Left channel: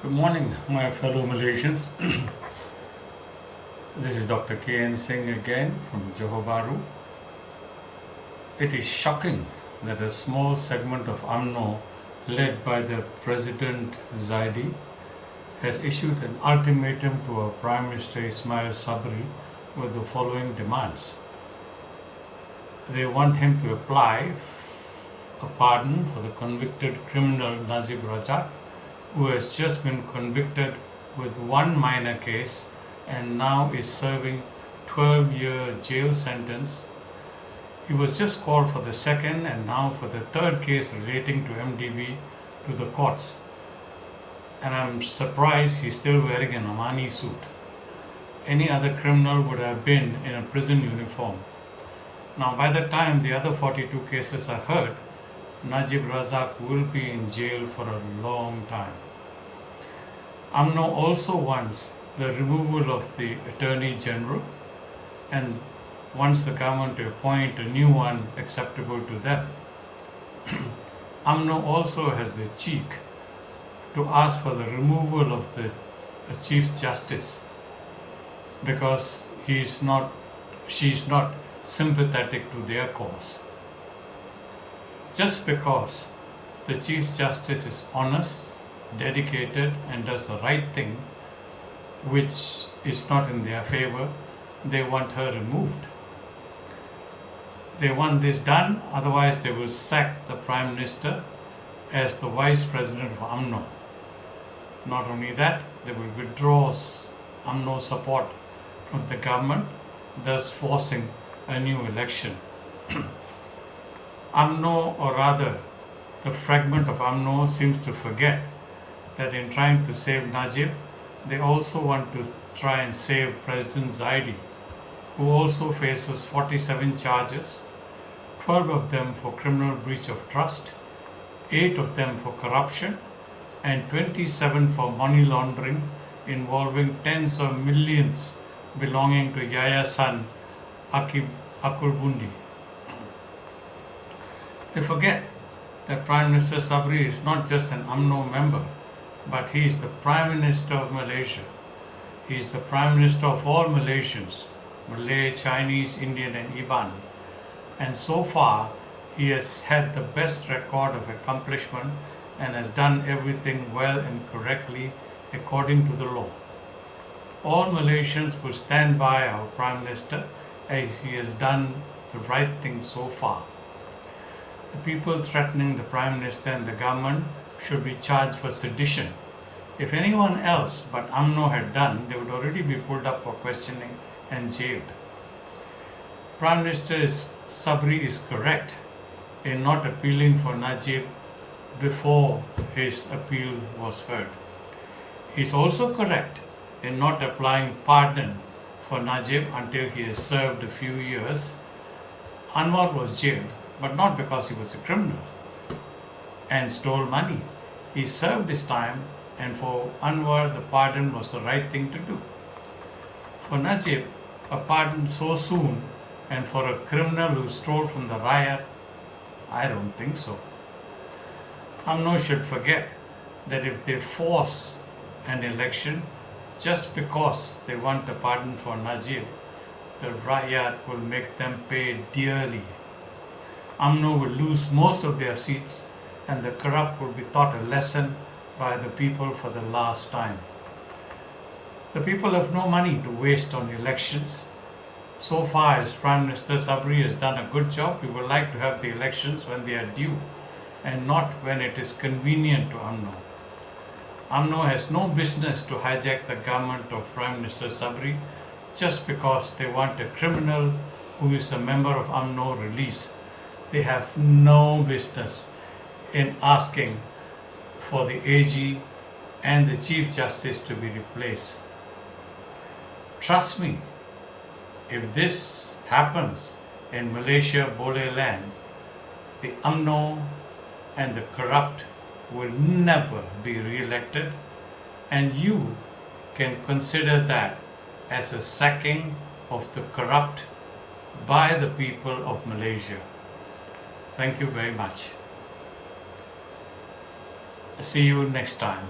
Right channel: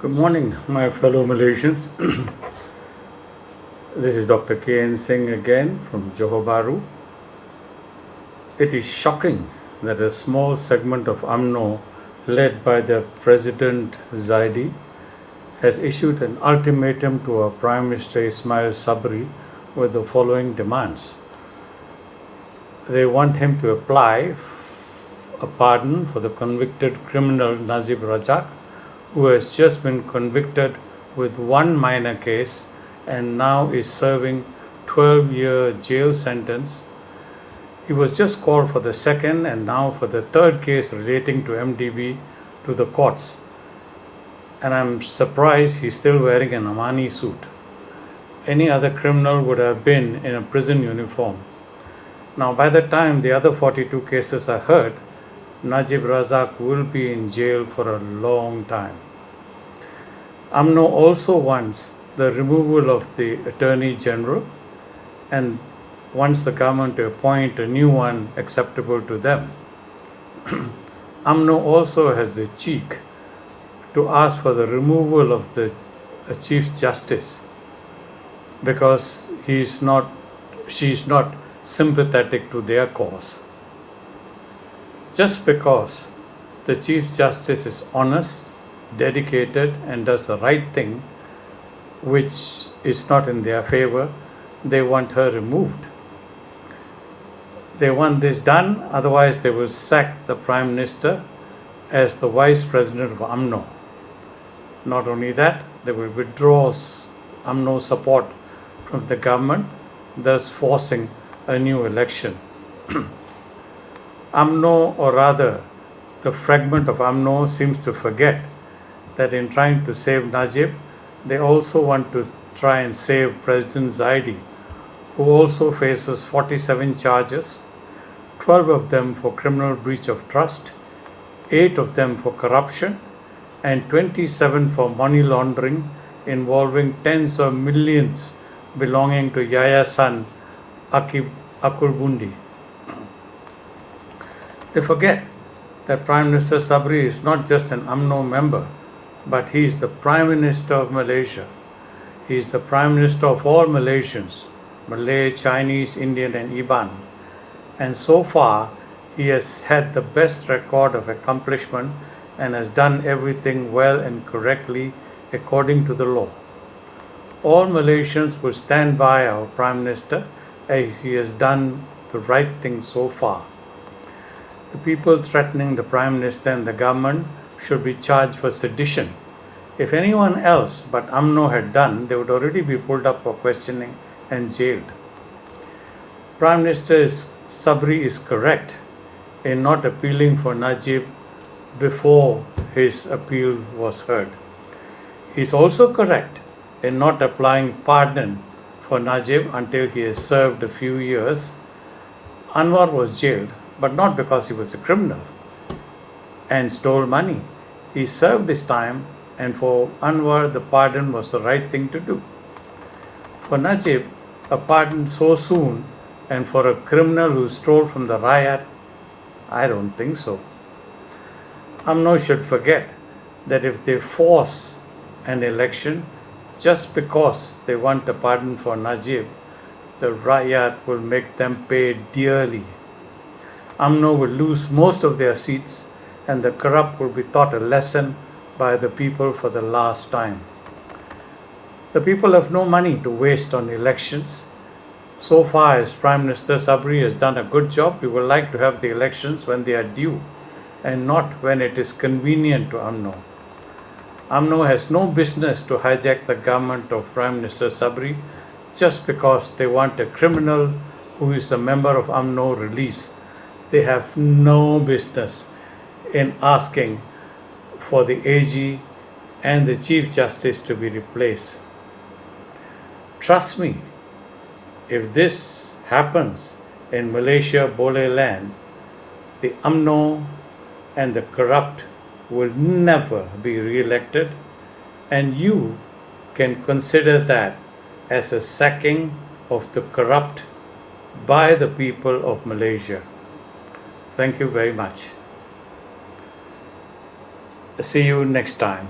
Good morning, my fellow Malaysians. This is Dr. K.N. Singh again from Johor Bahru. It is shocking that a small segment of UMNO, led by the President Zaidi, has issued an ultimatum to our Prime Minister Ismail Sabri with the following demands. They want him to apply a pardon for the convicted criminal Najib Razak, who has just been convicted with one minor case and now is serving 12-year jail sentence. He was just called for the second and now for the third case relating to MDB to the courts. And I'm surprised he's still wearing an Armani suit. Any other criminal would have been in a prison uniform. Now, by the time the other 42 cases are heard, Najib Razak will be in jail for a long time. UMNO also wants the removal of the Attorney General and wants the government to appoint a new one acceptable to them. UMNO also has the cheek to ask for the removal of the Chief Justice because she's not sympathetic to their cause. Just because the Chief Justice is honest, dedicated, and does the right thing, which is not in their favor, they want her removed. They want this done, otherwise they will sack the Prime Minister as the Vice President of UMNO. Not only that, they will withdraw UMNO support from the government, thus forcing a new election. UMNO, or rather the fragment of UMNO, seems to forget that in trying to save Najib, they also want to try and save President Zaidi, who also faces 47 charges, 12 of them for criminal breach of trust, 8 of them for corruption, and 27 for money laundering involving tens of millions belonging to Yayasan Akulbundi. They forget that Prime Minister Sabri is not just an UMNO member, but he is the Prime Minister of Malaysia. He is the Prime Minister of all Malaysians, Malay, Chinese, Indian, and Iban. And so far, he has had the best record of accomplishment and has done everything well and correctly according to the law. All Malaysians will stand by our Prime Minister as he has done the right thing so far. The people threatening the Prime Minister and the government should be charged for sedition. If anyone else but UMNO had done, they would already be pulled up for questioning and jailed. Prime Minister Sabri is correct in not appealing for Najib before his appeal was heard. He is also correct in not applying pardon for Najib until he has served a few years. Anwar was jailed, but not because he was a criminal and stole money. He served his time, and for Anwar, the pardon was the right thing to do. For Najib, a pardon so soon, and for a criminal who stole from the riot, I don't think so. UMNO should forget that if they force an election just because they want a pardon for Najib, the riot will make them pay dearly. UMNO will lose most of their seats and the corrupt will be taught a lesson by the people for the last time. The people have no money to waste on elections. So far as Prime Minister Sabri has done a good job, we would like to have the elections when they are due and not when it is convenient to UMNO. UMNO has no business to hijack the government of Prime Minister Sabri just because they want a criminal who is a member of UMNO released. They have no business in asking for the AG and the Chief Justice to be replaced. Trust me, if this happens in Malaysia Boleh land, the UMNO and the corrupt will never be re-elected, and you can consider that as a sacking of the corrupt by the people of Malaysia. Thank you very much. See you next time.